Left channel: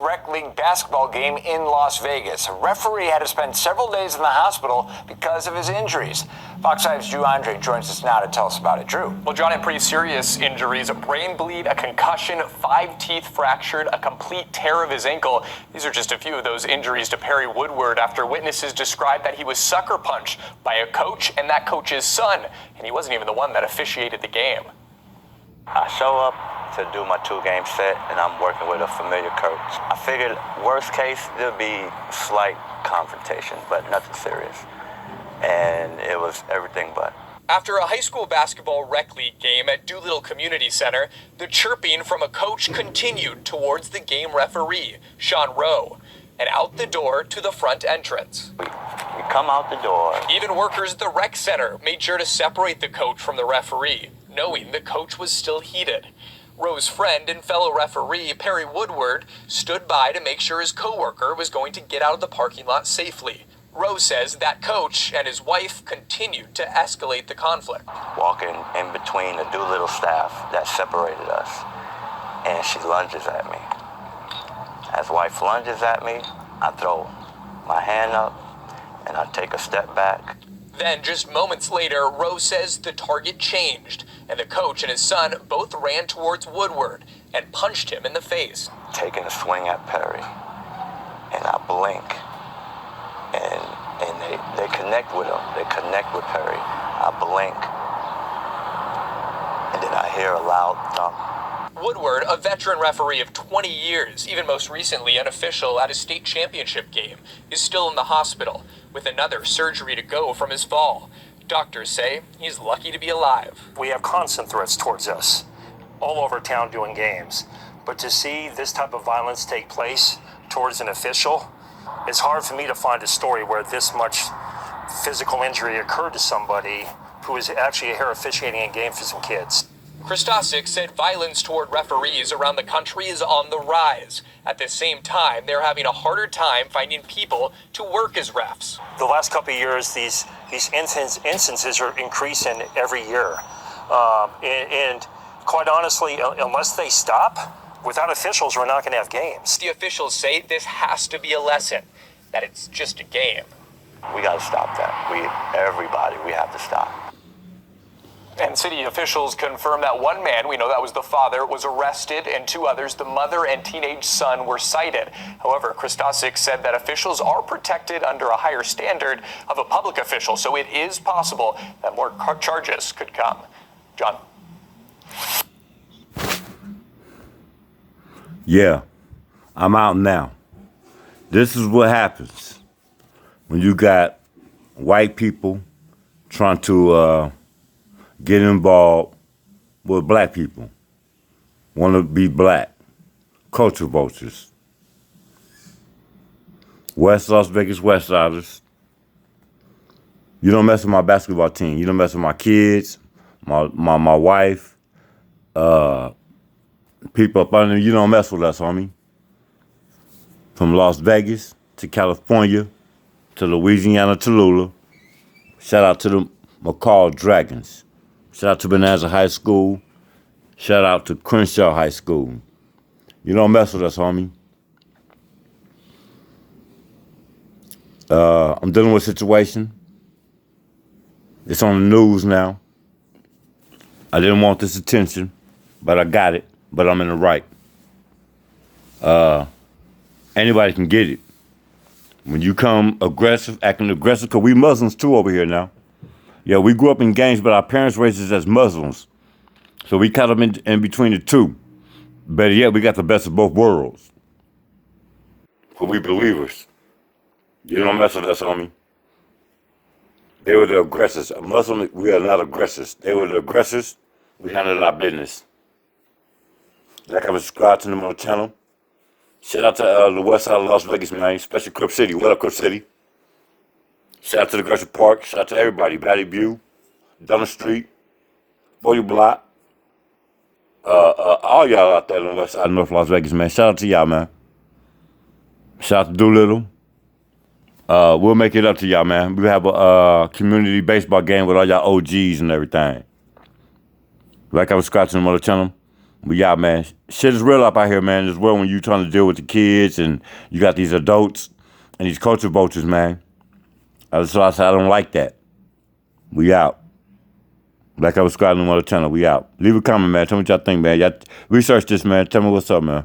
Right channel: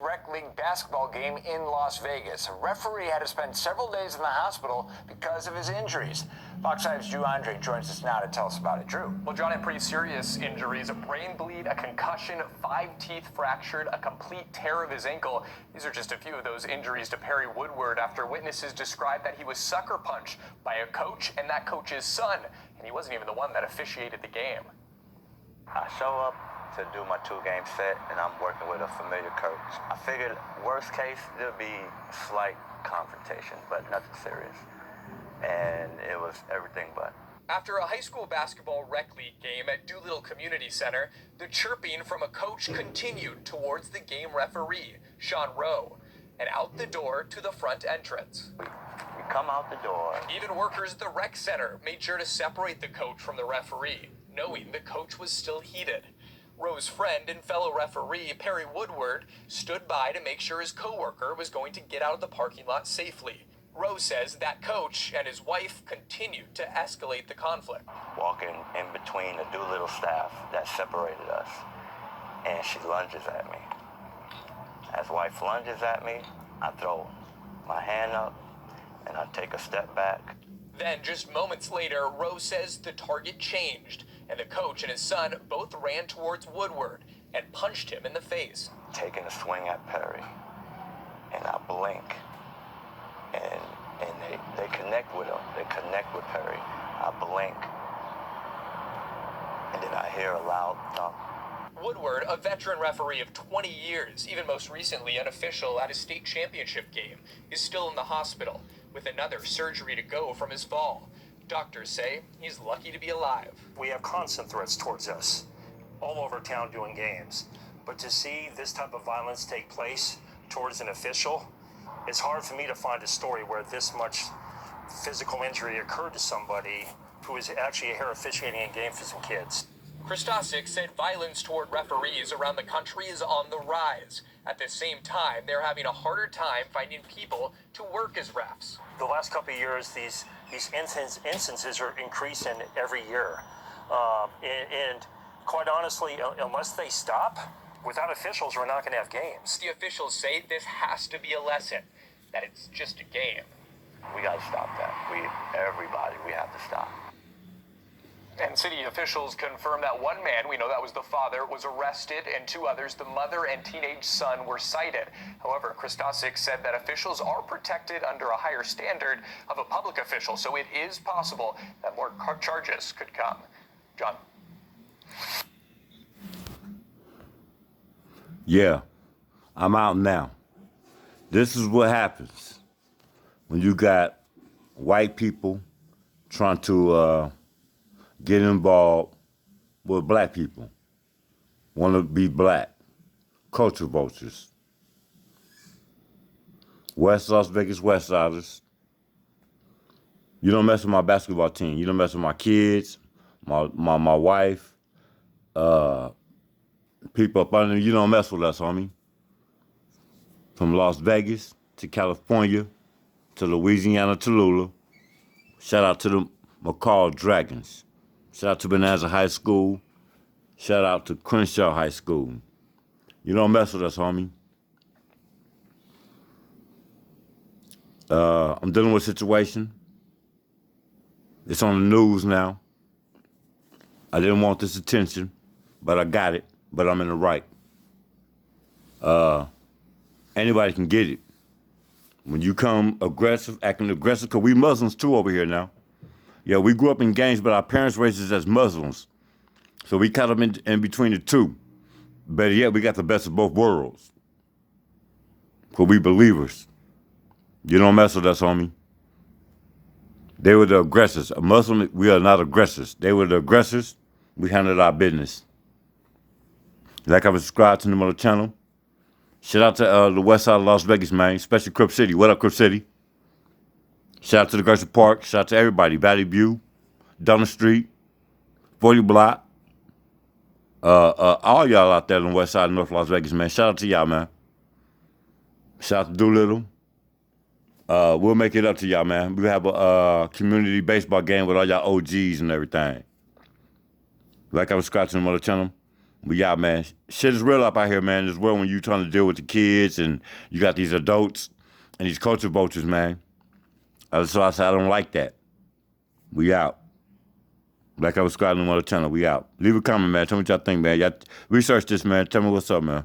Rec League basketball game in Las Vegas. A referee had to spend several days in the hospital because of his injuries. Fox 5's Drew Andre joins us now to tell us about it. Drew. Well, John, had pretty serious injuries, a brain bleed, a concussion, 5 teeth fractured, a complete tear of his ankle. These are just a few of those injuries to Perry Woodward after witnesses described that he was sucker punched by a coach and that coach's son, and he wasn't even the one that officiated the game. I show up to do my 2-game set, and I'm working with a familiar coach. I figured worst case, there'll be slight confrontation, but nothing serious. And it was everything but. After a high school basketball rec league game at Doolittle Community Center, the chirping from a coach continued towards the game referee, Sean Rowe, and out the door to the front entrance. We come out the door. Even workers at the rec center made sure to separate the coach from the referee, knowing the coach was still heated. Rowe's friend and fellow referee, Perry Woodward, stood by to make sure his coworker was going to get out of the parking lot safely. Rowe says that coach and his wife continued to escalate the conflict. Walking in between the Doolittle staff that separated us, and she lunges at me. As wife lunges at me, I throw my hand up, and I take a step back. Then, just moments later, Rowe says the target changed, and the coach and his son both ran towards Woodward and punched him in the face. Taking a swing at Perry, and I blink, and they connect with him. They connect with Perry. I blink, and then I hear a loud thump. Woodward, a veteran referee of 20 years, even most recently an official at a state championship game, is still in the hospital with another surgery to go from his fall. Doctors say he's lucky to be alive. We have constant threats towards us all over town doing games. But to see this type of violence take place towards an official, it's hard for me to find a story where this much physical injury occurred to somebody who is actually here officiating a game for some kids. Christosic said violence toward referees around the country is on the rise. At the same time, they're having a harder time finding people to work as refs. The last couple of years, these instances are increasing every year. And quite honestly, unless they stop, without officials, we're not going to have games. The officials say this has to be a lesson, that it's just a game. We got to stop that. Everybody, we have to stop. And city officials confirmed that one man, we know that was the father, was arrested, and 2 others, the mother and teenage son, were cited. However, Christosic said that officials are protected under a higher standard of a public official, so it is possible that more charges could come. John. Yeah, I'm out now. This is what happens when you got white people trying to get involved with black people, want to be black, culture vultures. West Las Vegas West Siders. You don't mess with my basketball team. You don't mess with my kids, my wife, people up under me. You don't mess with us, homie. From Las Vegas to California to Louisiana to Lula. Shout out to the McCall Dragons. Shout out to Bonanza High School. Shout out to Crenshaw High School. You don't mess with us, homie. I'm dealing with a situation. It's on the news now. I didn't want this attention, but I got it. But I'm in the right. Anybody can get it. When you come aggressive, acting aggressive, because we Muslims too over here now. Yeah, we grew up in gangs, but our parents raised us as Muslims. So we caught them in between the two. Better yet, we got the best of both worlds. Because we believers. You don't mess with us, homie. They were the aggressors. A Muslim, we are not aggressors. They were the aggressors. We handled our business. Like I was subscribed to them on the channel. Shout out to the west side of Las Vegas, man. Especially Crip City. What up, Crip City? Shout out to the Gresham Park. Shout out to everybody. Valley View, Dunham Street, 40 Block. All y'all out there on the west side of North Las Vegas, man. Shout out to y'all, man. Shout out to Doolittle. We'll make it up to y'all, man. We'll have a community baseball game with all y'all OGs and everything. Like I was scratching them on the channel. We out, man. Shit is real up out here, man. This world when you trying to deal with the kids and you got these adults and these culture vultures, man. That's why I said I don't like that. We out. Like I was subscribing to another channel. We out. Leave a comment, man. Tell me what y'all think, man. Y'all research this, man. Tell me what's up, man.